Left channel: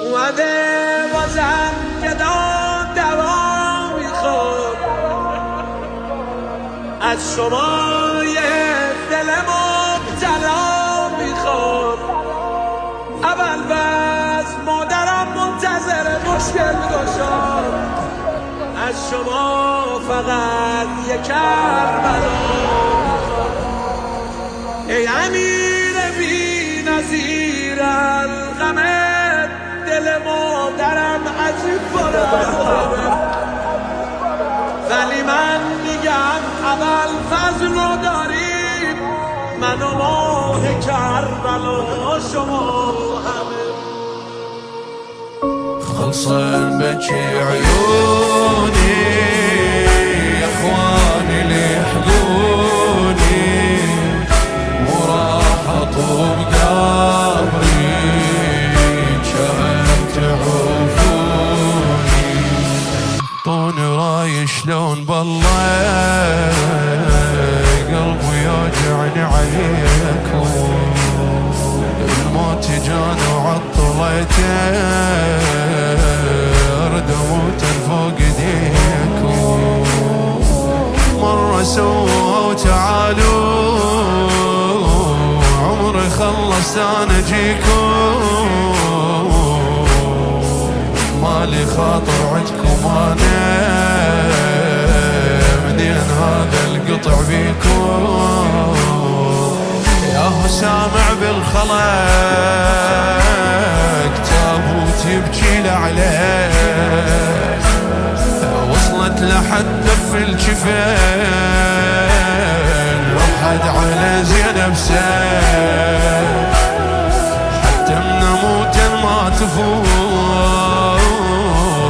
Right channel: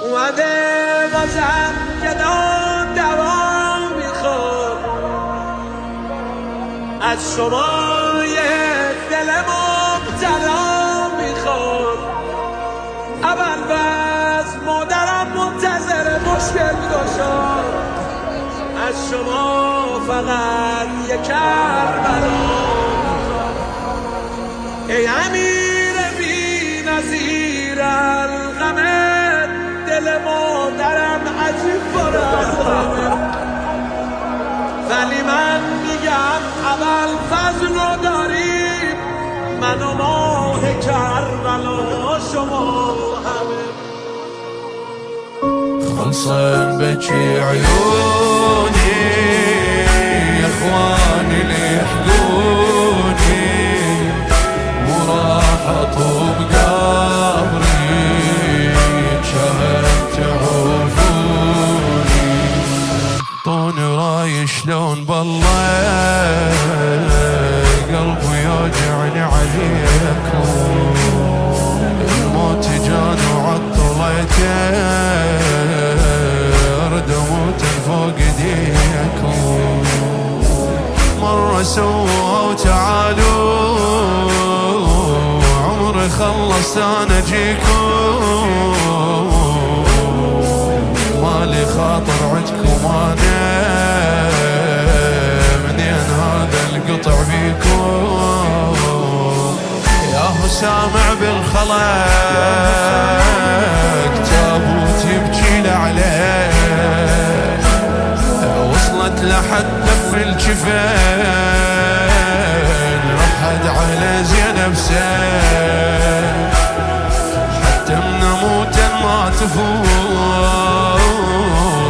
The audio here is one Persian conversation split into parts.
اومده بازم گدا دوا میخواد از شما یه دل مبتلا میخواد. اول بس مادرم منتظر مشکل گشاد، از شما فقط یه کربلا میخواد. ای امیر بی نظیر الغمه، دل مادرم عجیب پر از غمه، ولی من میگم اول فضل رو داریم، من و ماه کربلا شما همه. خلصن بكي عيوني يا اخواني اللي يحقوني، وراح اطوب قبري شهم تعوفوني. طوني راي شلون بالله قلبي يوجعني عليكم، الموت جاني وعطليته ارد اموت فوق ايديكم. مرة سووا وتعالوا عمري خلص انا اجيكم، مالي خاطر عندكم انا منين هذا القطع بيكم. ياهو سامع بالخلق تابوت يبكي لعليه، وصلت لحد لف الجفين رحد على زينب سيف، حتى من موتا ما تفوض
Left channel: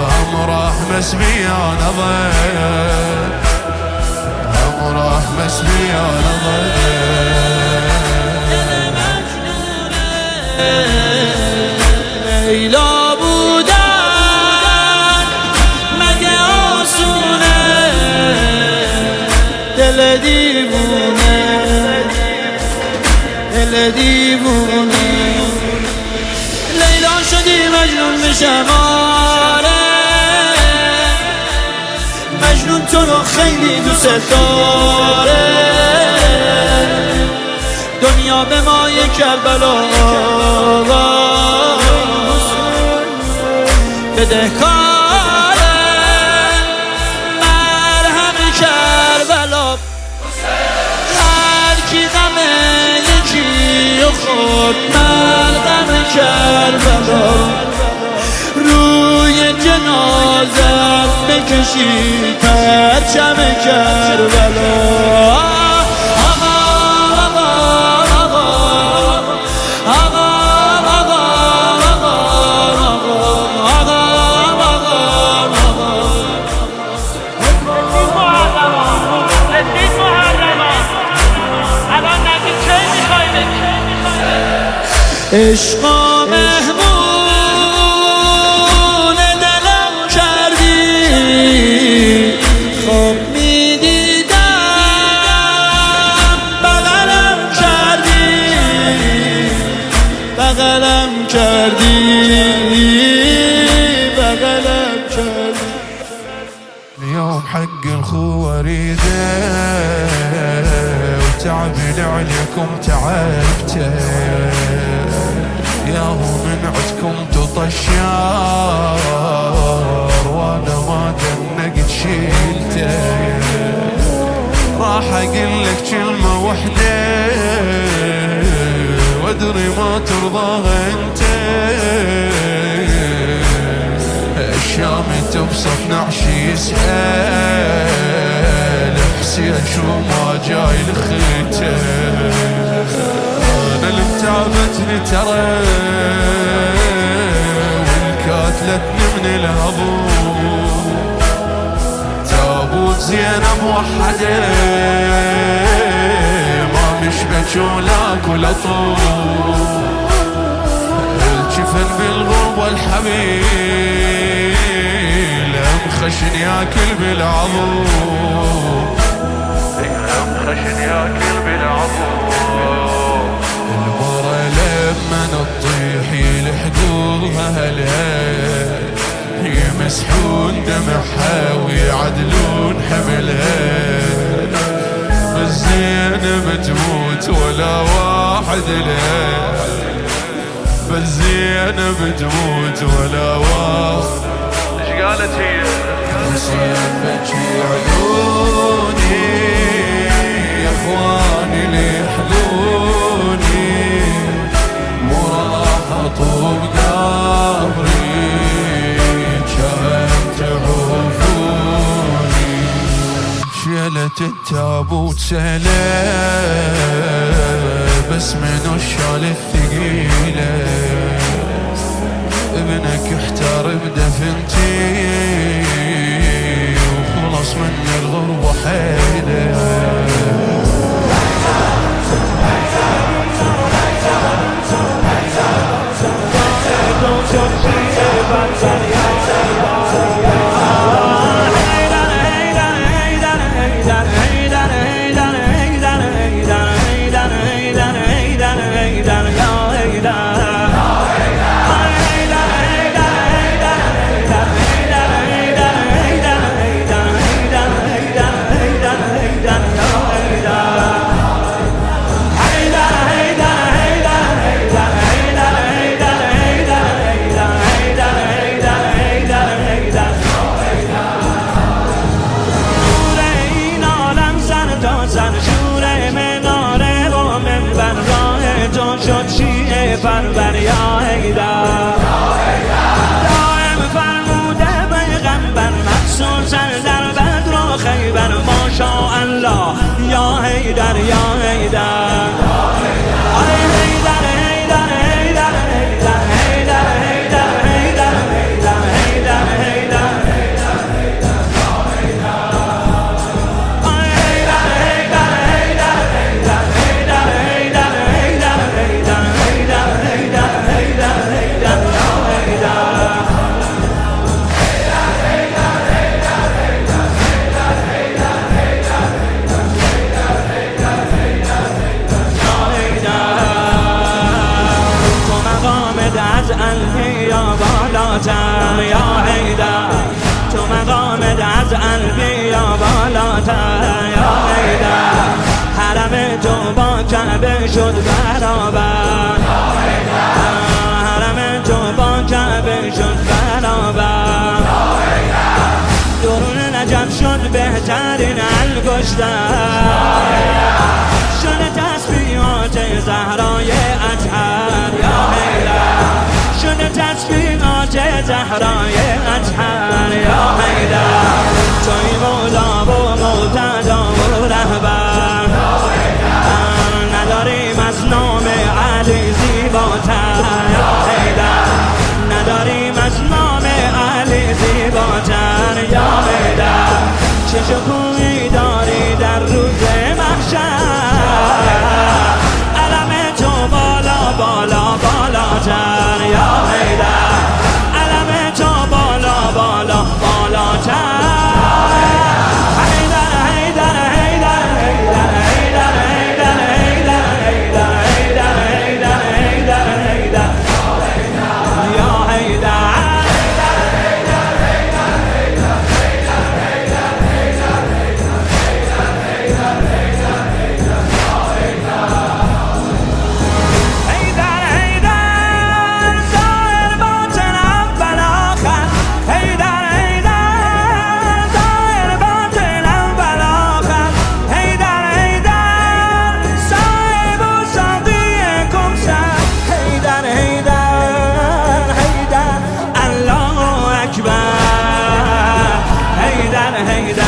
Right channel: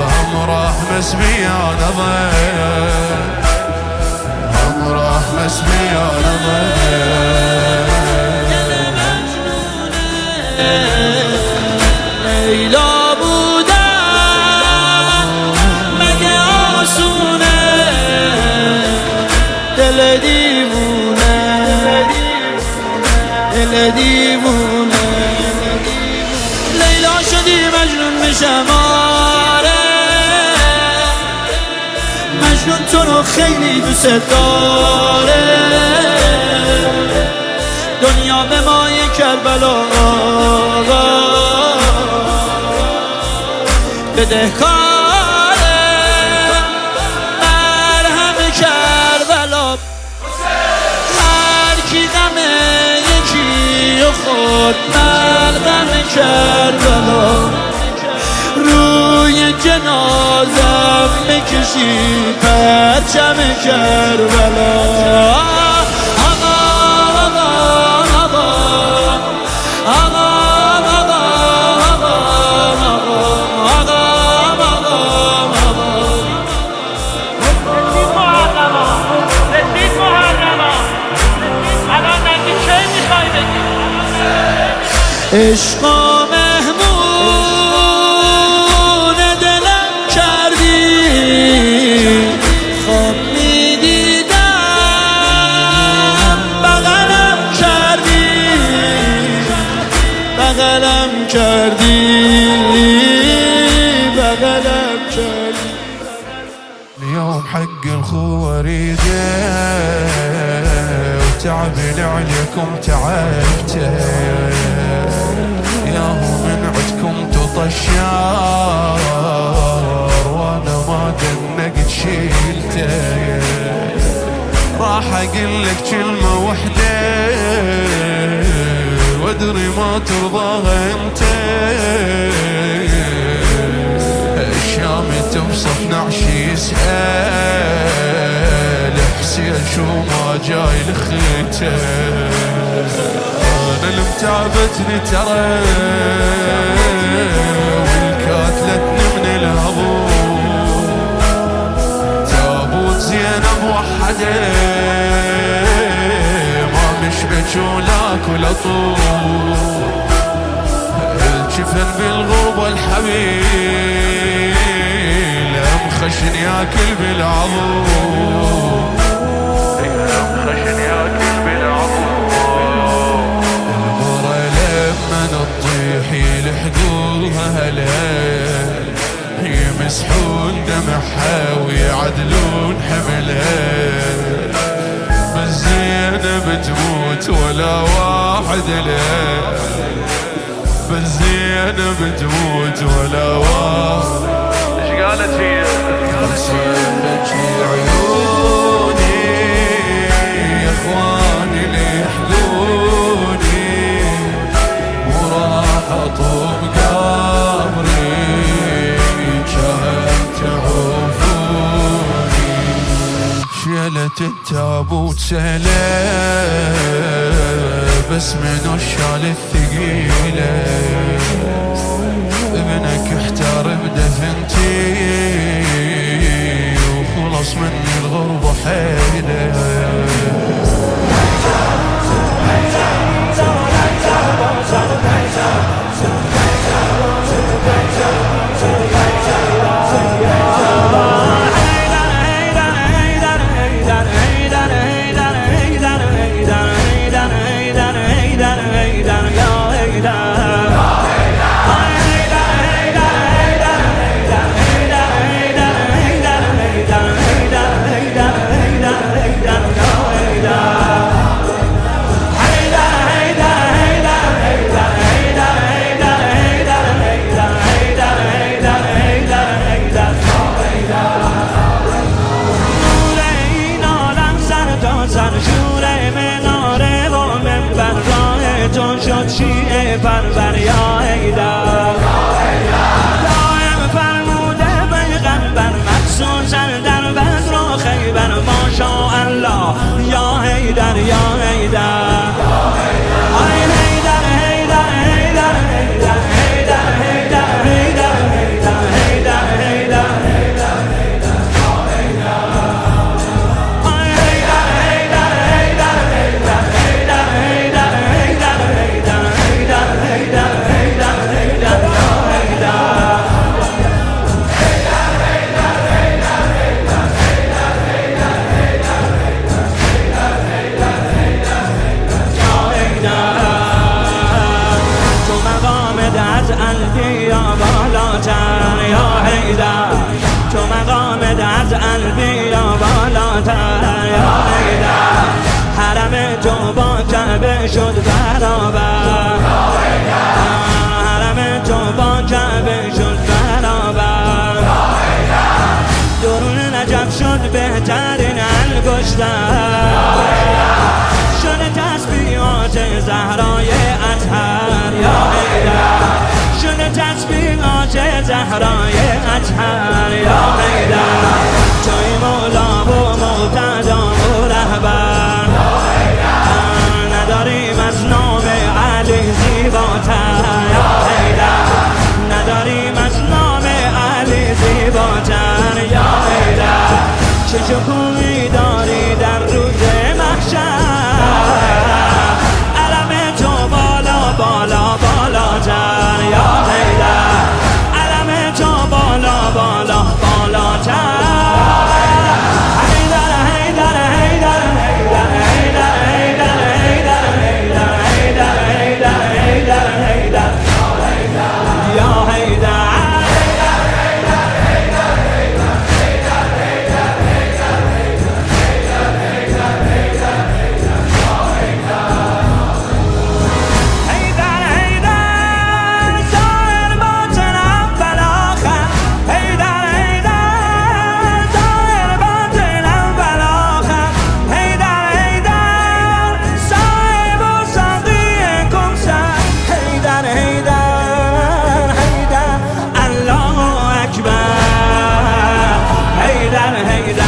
هم راح مسبيان ضيف، هم راح مسبيان ضيف. لیلا بودن مگه آسونه، دل دیوونه دل دیوونه. لیلا شدی مجنون میشم آره، مجنون تو رو خیلی دوست داره، دنیا به مای کربلا بدهکاره، مرهم کربلا. هر کی غم یکی و خورد ملغم کربلا، روی جنازم بکشید پرچم کربلا. رسید محرما، الان نگی چه میخوای بگی؟ عشق مهمون دلم کردی، خواب میدیدم بغلم کردی، بغلم کردی، بغلم کردی. اليوم حق الخوة اريده وتعبي لعليكم تعبته، ياهو من عدكم تطشار وانا ما دنقت شيلته. راح اقول لك كلمة وحدة وادري ما ترضاها انت، الشام توصف نعشي يسأل حسين شو ما جاي لخيته. انا المتعبتني ترى والكاتلتني من الهضو، تابوت زينب وحده ما مشبك ولاك ولا طول، الجفن بالغربة الحبيل مخشن ياكل بالعضو، مخشن ياكل بالعضو. المرة لما لما تطيح يلحقوها هالهيل يمسحون دمعها ويعدلون حملها بس زينب تموت ولا واحد ليه بس زينب تموت ولا واحد. ايش قالت هي؟ بكي عيوني يا اخواني ليحقوني مو راح اطوب قبري كم تعوفوني. شيلة التابوت سهلة بس منو الشال الثقيلة ابنك احتار بدفنتي وخلص من الغربة حيله. سر شور مناره و منبر راه تو شد شیعه پرور یا حیدر. دائم فرموده پیغمبر مخصوصا در بدر و خیبر ماشاءالله یا حیدر یا حیدر. آی حیدر حیدر حیدر حیدر حیدر حیدر حیدر حیدر حیدر حیدر. از انبیا بالاتر یا حیدر تو مقامت از انبیا بالاتر یا حیدر. حرم تو با کعبه شد برابر حرم تو با کعبه شد برابر. درون نجف شد بهترین انگشتر شده تسبیحات زهرای اطهر یا حیدر. شده تسبیحات زهرای اطهر یا حیدر. توی مولا و مقتدا و رهبر نداریم از نام علی زیباتر یا حیدر. نداریم از نام علی زیباتر یا حیدر. چه شکوهی داری در روز محشر علم تو بالا بالا بالاتر یا حیدر. علم تو بالا بالا بالاتر. حیدر حیدر حیدر حیدر حیدر حیدر حیدر حیدر حیدر حیدر حیدر حیدر یا حیدر. حیدر حیدر حیدر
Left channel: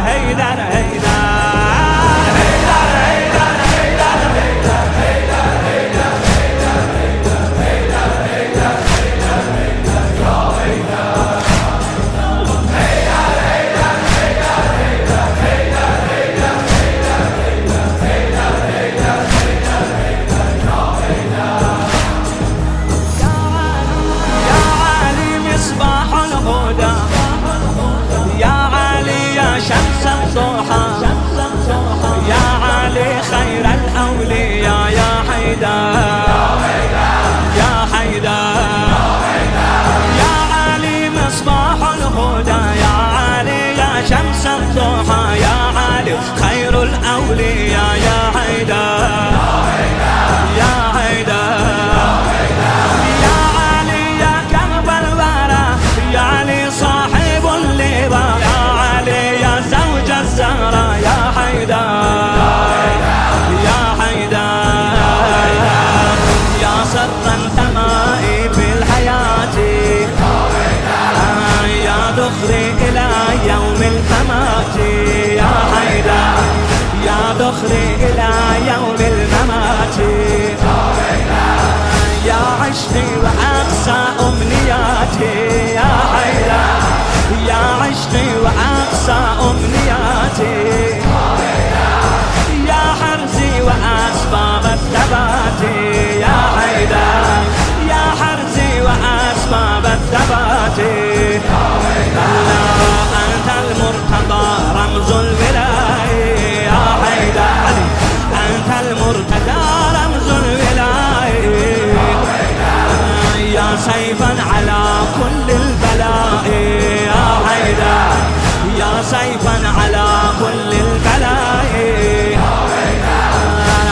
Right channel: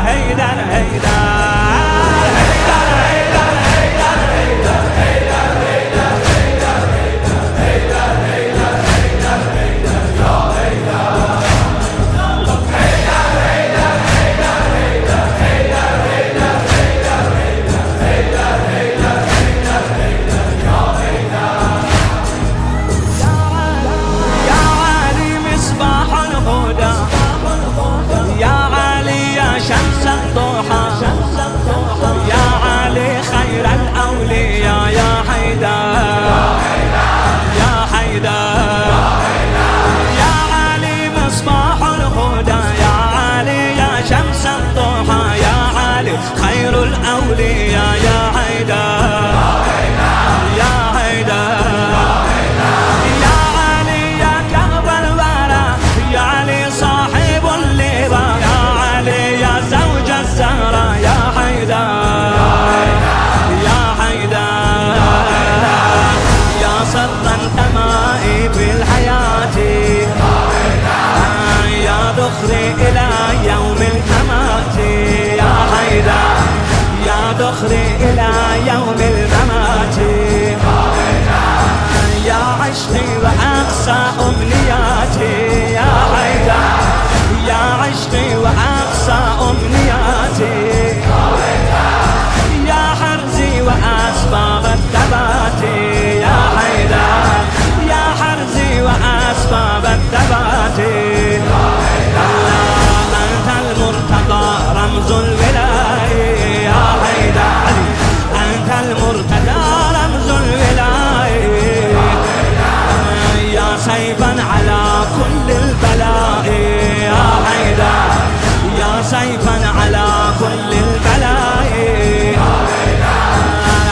حیدر حیدر حیدر یا علی مصباح الهدى یا علی یا يا شمس الضحى يا علي خير الأولياء يا حيدر يا حيدر يا علي مصباح الهدى يا علي يا شمس الضحى يا علي خير الأولياء يا حيدر يا حيدر يا علي يا كرب الورى يا علي صاحب اللواء يا علي يا زوج الزهرة يا حيدر يا حيدر يا سرا تمائي في الحياة يا دخري إلى يوم الممات يا حيدر يا دخري إلى يوم الممات يا عشقي وأقصى أمنياتي يا حيدر يا عشقي وأقصى أمنياتي يا حرزي وأسباب الثبات يا حيدر يا حرزي وأسباب الثبات مولا أنت المرتضى رمز الولاية يا حيدر علي أنت المرتضى رمز الولاية يا سيفا على كل البلاء يا حيدر يا سيفا على كل البلاء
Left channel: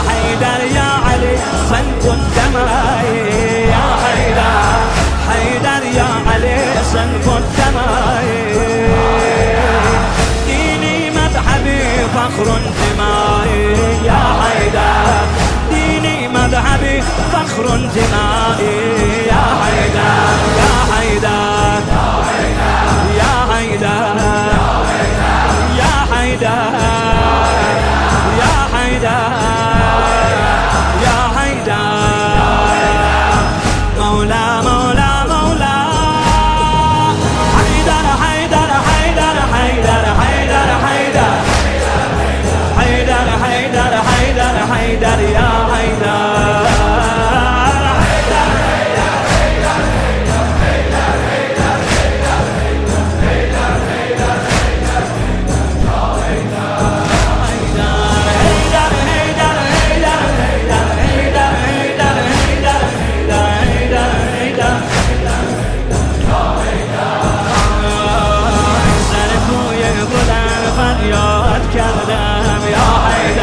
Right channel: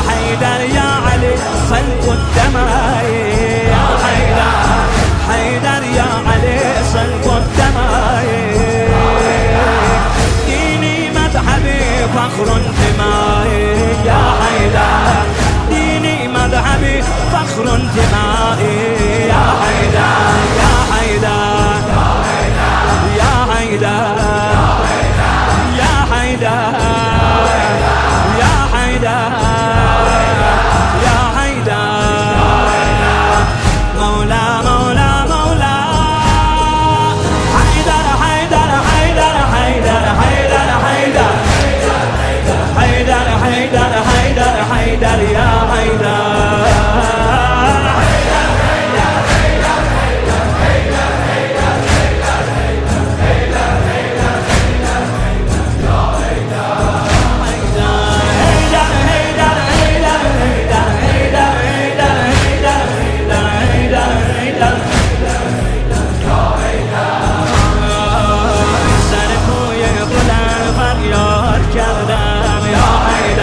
حيدر يا علي صلب الدماء يا حيدر حيدر يا علي صلب الدماء ديني مذهبي فخر انتمائي يا حيدر ديني مذهبي فخر انتمائي يا حيدر يا حيدر يا حيدر يا حيدر يا حيدر يا حيدر مولا مولا مولا حيدر حيدر حيدر حيدر حيدر حيدر حيدر حيدر حيدر حيدر يا حيدر فریاد کردم یا حیدر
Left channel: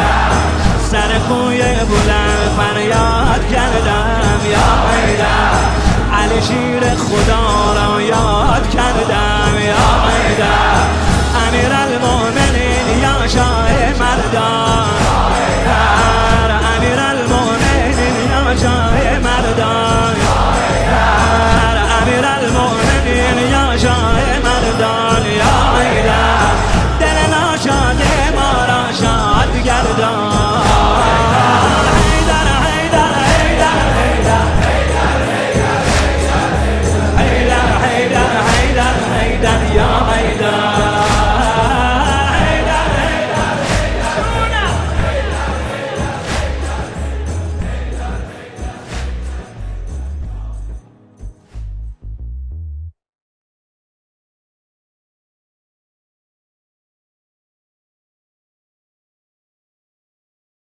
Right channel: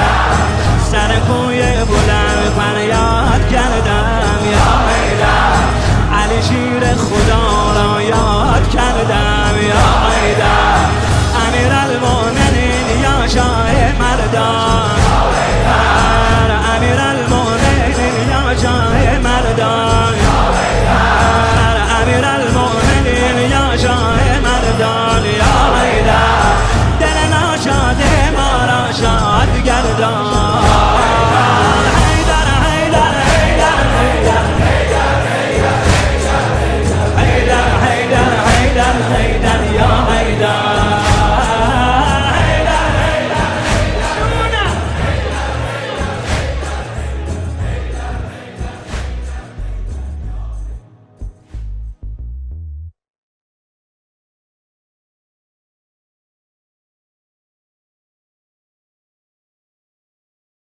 سر کوی بلند فریاد کردم یا حیدر علی شیر خدا را یاد کردم یا حیدر امیر المؤمنین یا شاه مردان امیر المؤمنین یا شاه مردان امیر المؤمنین یا شاه مردان یا حیدر دل ناشاد ما را شاد گردان